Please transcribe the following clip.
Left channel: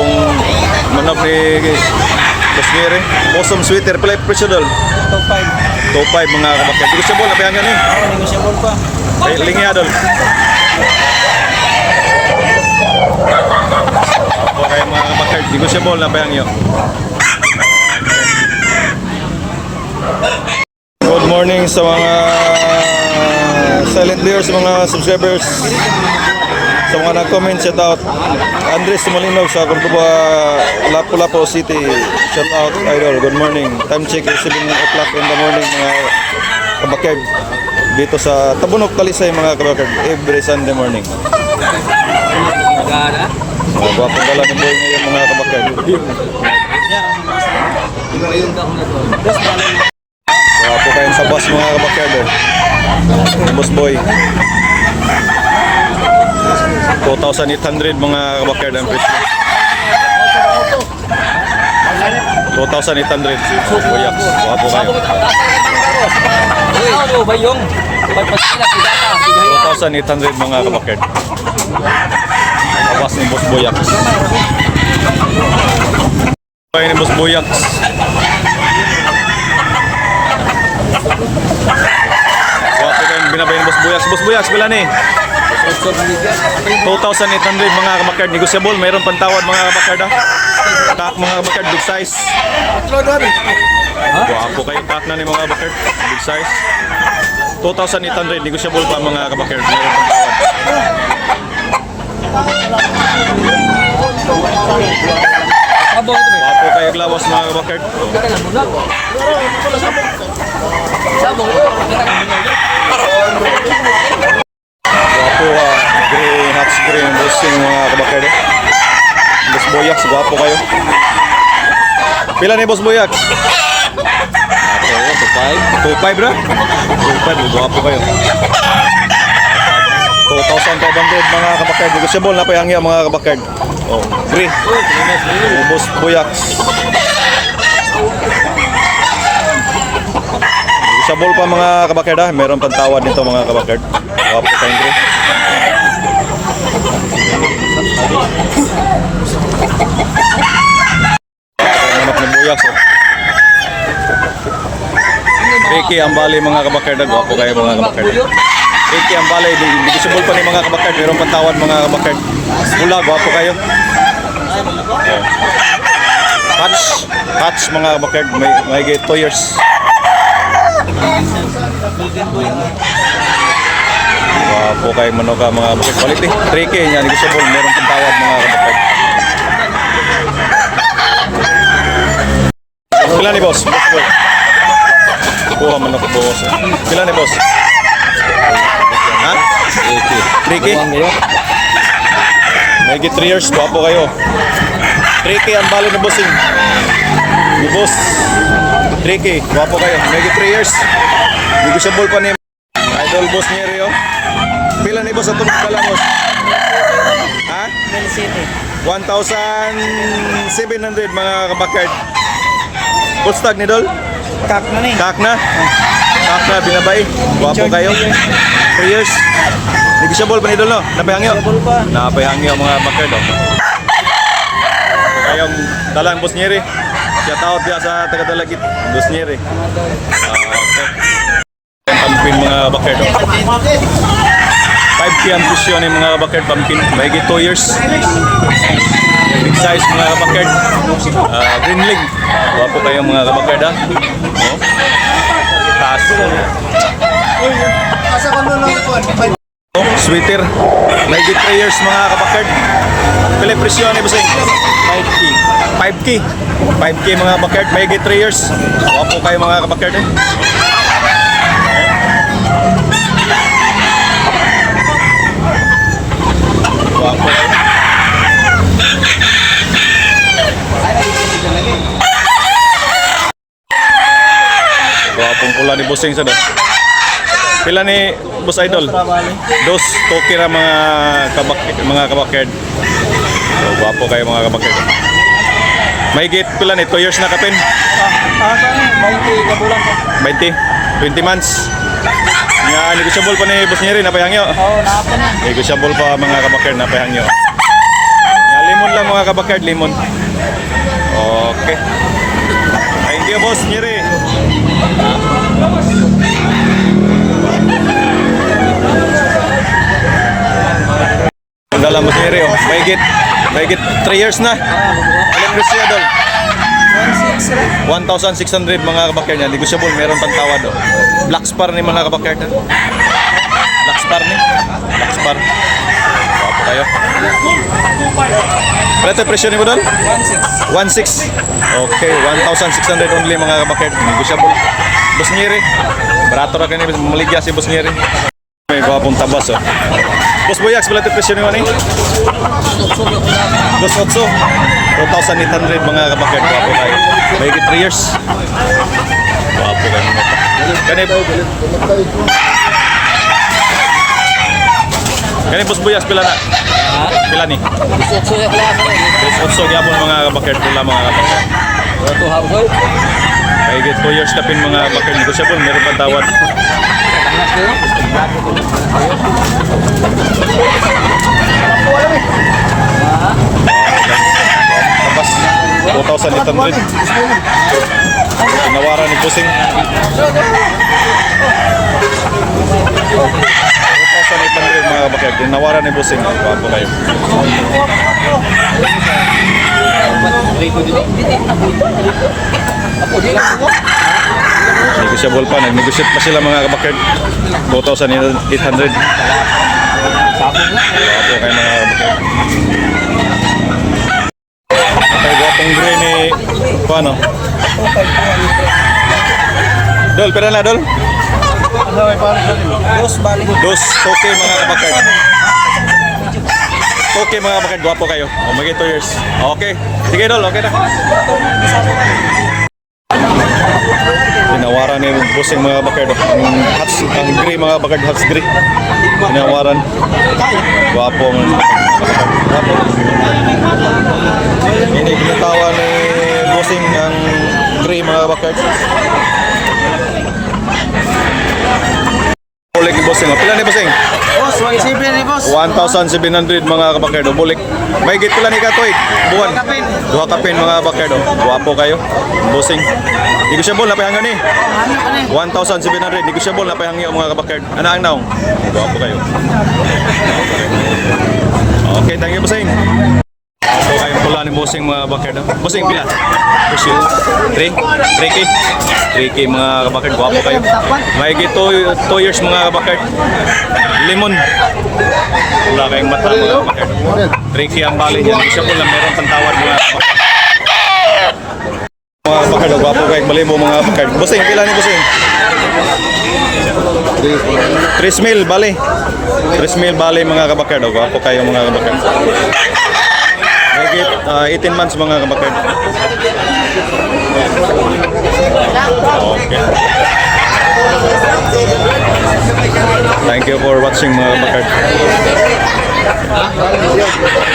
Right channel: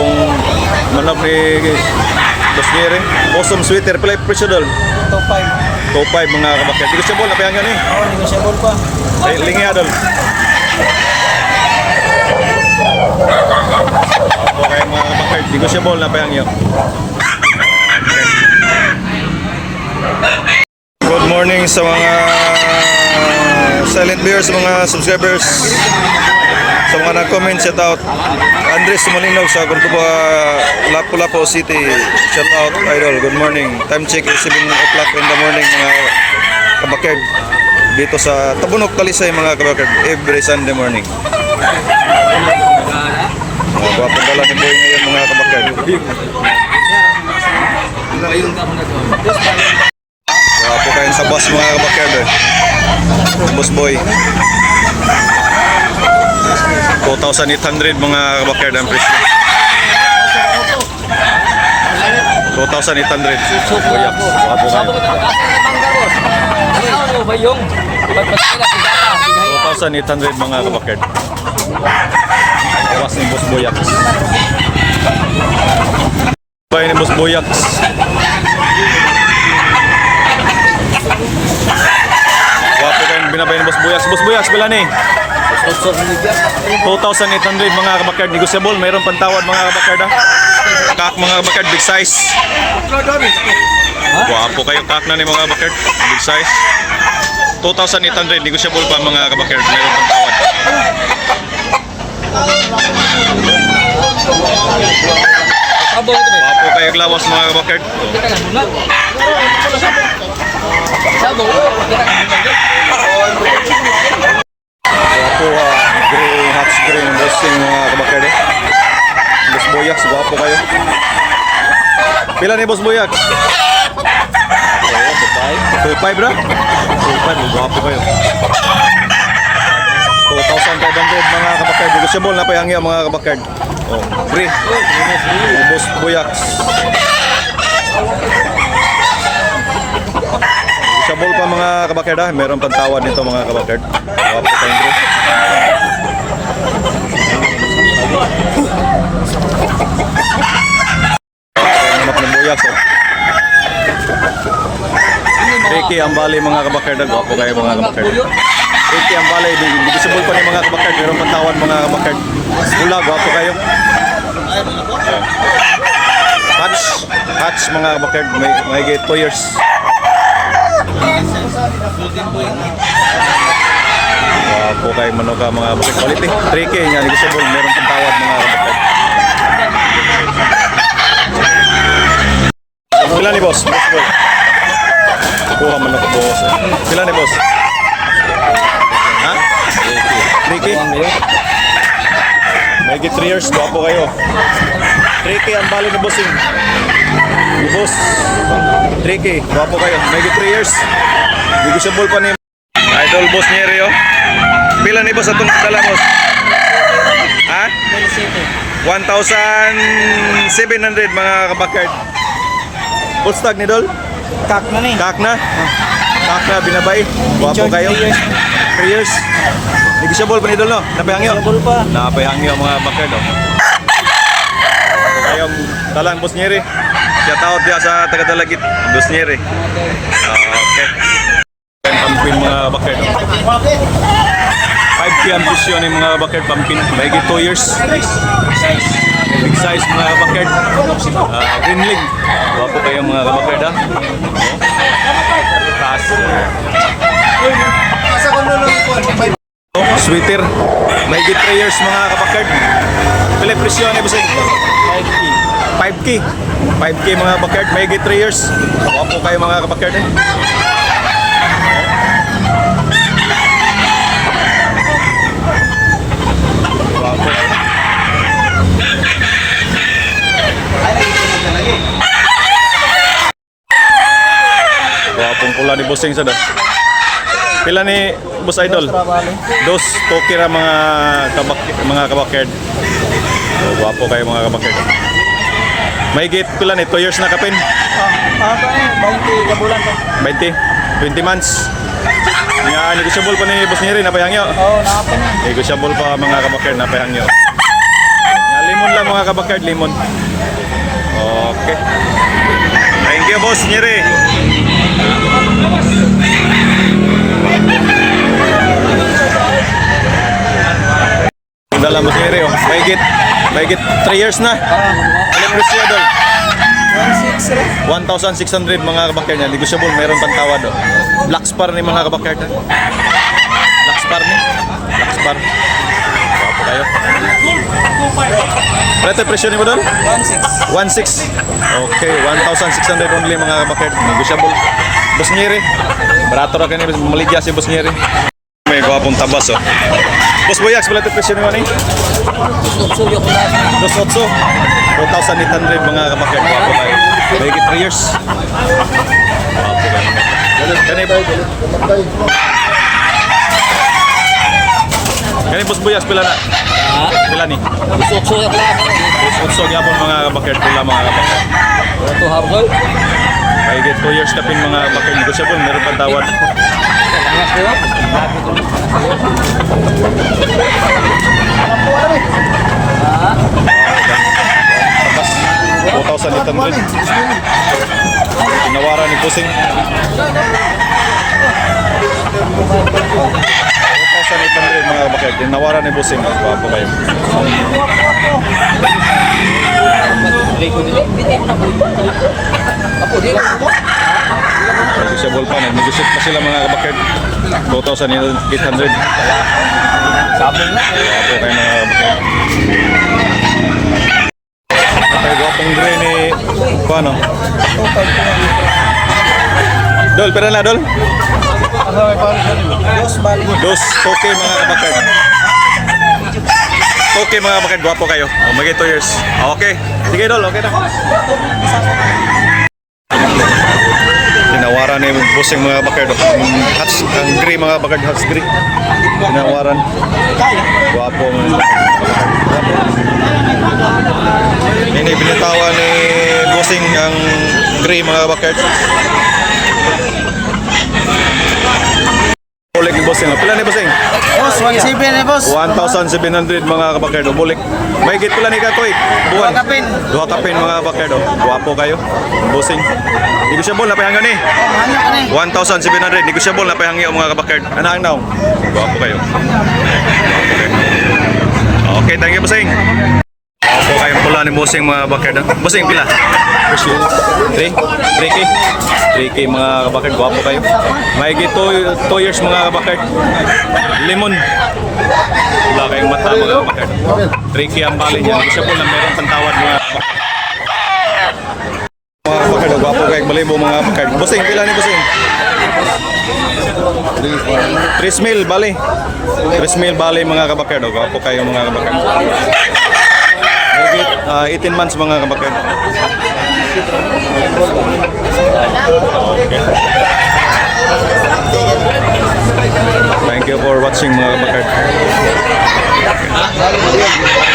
Kung manok ni Bosniere, awesome sweater, pala presyo dol. 2.5. 2.5 mga kabakyan. Negosyable na payangan eh. Oo, negosyable pa. Ay, lingi dol. Apo kayo mga kabakyan, negosyable na payangan. Okay. Good morning sa mga silent viewers, mga subscribers, sa mga nag-comment, shout out. Andres Sumalinog sa Cordoba, Lapu-Lapu City, shout out idol, good morning. Time check is 7 o'clock in the morning mga kabakerd. Dito sa Tabunok, Talisay mga kabakerd, every Sunday morning. Mga gwapong dala ni Boy ngayon mga kabakerd. Gwapo kayo sa bus mga kabakerd. Boss Boy. 2,800 mga kabakerd ang presyo. 2,800. Buyak. Wapo kayo. 2,800 mga kabakerd. Awas ni Boss Boyak. Bahay ni Boss Boyak. Wapo kayo binabay ni Boss Boyak. Boss Boyak, bila ni? 2,800 mga kabakard, negosyable, mayroon pantawad mga kabakard ha. Kak mga kabakard, big size. Guwapo kayo kak na ni mga kabakard, big size. 2,800, negosyable pa mga kabakard, mayroon pantawad. Guwapo kayo glawas mga kabakard. Guwapo green, hot green, bossing mga kabakerd. Boss Boyak, guwapo kayo. Pila ni Boss Boyak? 2.5 bro? 2.5, guwapo kayo. 2,500 mga kabakerd. Negosyable na payangya mga kabakerd. Oh, free. Boss Boyak. Negosyable pa mga kabakerd ha. Meron pantawad nito mga kabakerd. Guwapo kayong free. Manok ni Boyak so. Ricky Ambali mga kabakerd, guwapo kayo mga kabakerd. Ricky Ambali, negosyable pa ni mga kabakerd, meron pantawad mga kabakerd. Pula, guwapo kayo. Hatch mga kabakerd, may 2 years. Wapo kayo manok mga kabakerd. Quality, 3K niya, negosyable, meron pantawad mga kabakerd. Pila ni boss? Boss boy. Kuha manok boss eh. Pila ni boss? Ha? 3K? May 3 years, guwapo kayo. 3K ang bali ni bossing. Ni boss. 3K, guwapo kayo. May 3 years. Negosyable pa ni Idol Boss Nieri oh. Pila ni boss atong dala boss? Ha? 1,700 mga kabakard. Boss tag ni Dol? Kak na ni. Kak na? Kak na, binabay. Guwapo kayo. 3 years. Negosyable pa ni Dol no? Napayangyo? Negosyable pa. Napayangyo mga bakard oh. Ako kayong dalang Boss Nieri. Shout out dia sa taga-Dalagit, Boss Nieri. Okay. Pampin mga bakard oh. 5K ang presyo ni mga bakard pampin. Mahigit 2 years. Big size mga kabakerd. Green leg. Guwapo kayo mga kabakerd ha. Oh. Taas. Oh, sweater. May 3 years mga kabakerd. Pila presyo ni Busing? 5K. 5K mga kabakerd. May 3 years. Guwapo kayo mga kabakerd eh. Guwapo kayo. Guwapong pula ni Bossing sa do. Pila ni Boss Idol? Dos, tokira mga kabakerd. So, guwapo kayo mga kabakerd. Mahigit pila ni 2 years na kapin? 20 kabulan pa. 20 months. Nga negosyable pa ni Boss Nieri napayangyo. Oo, nakapa na. Negosyable pa mga kabakerd napayangyo. Nga Limon lang mga kabakard, limon. Okay. Thank you, boss Nyeri. Ang dala mo Nyeri, oh. Mahigit 3 years na. Ilang presyo, Dol? 1,600 mga kabakard niya. Negotiable, meron pang tawad, oh. Black Spar ni mga kabakard, ha? Black Spar ni. Black Spar. Wapo kayo. Pala ito presyo ni mo, Dol? 1,600. Okay, 1,600 only mga kabakard. Negotiable. Boss Nyeri. Barato ra kanina, maligya si Boss Nyeri. May gwapong tabas, oh. Boss Boyax, pala ito presyo ni mo, ni? 2,800 mga kabakard. Wapo kayo. Mahigit 3 years. Wapo kayo. Kani Boss Boyax, pila na? Pila ni? 2,800 gyapon mga kabakard. Pila mga kabakard. Mahigit 2 years kapin mga kabakard. Negotiable, meron pa tawad. Tabas 2,800. Tinawaran ni Pusing. 2,800 mga kabakard. Tinawaran ni Pusing. Wapo kayo. Negotiable pa. Nag-negotiate pa sila mga kabakard. 2,800. Wapo kayo mga kabakard. Kaya gwapong gray ni paano? Dol, pera na Dol? Dos, toke mga kabakard. Toke mga kabakard, gwapo kayo. O, magiging 2 years. Okay. Sige Dol, okay na. Tinawaran ni Busing mga kabakard. Ang gray mga kabakard, hats gray. Tinawaran. Gwapo mga kabakard. Gwapo. Ini binitawan ni Busing ang gray mga kabakard. Bulik ni Busing. Pila ni Busing? Boss, 1,700 boss. 1,700 mga kabakard. Bulik. May git pila ni Katoy. Buwan. Duha kapin mga kabakard. Guwapo kayo. Busing. Negosyable na pahangyo ni. 1,700. Negosyable na pahangyo mga kabakard. Ano ang naong? Guwapo kayo. Guwapo kayo. Okay, thank you Busing. Guwapo kayong pula ni Busing mga kabakard. Busing pila? Presyo. 3? 3K? 3K mga kabakard. Guwapo kayo. May gito 2 years mga kabakard. Limon. Wala kayong mata mga kabakard. 3K ang bali niya. Negosyable na meron pantawad mga kabakard. Mga kabakard, gwapo kayo balibo mga kabakard. Busing, pila ni Busing? 3,000 bali. 3,000 bali mga kabakard. Gwapo kayo mga kabakard. Higit 18 months mga kabakard. Okay. Thank you for watching mga kabakard. Okay.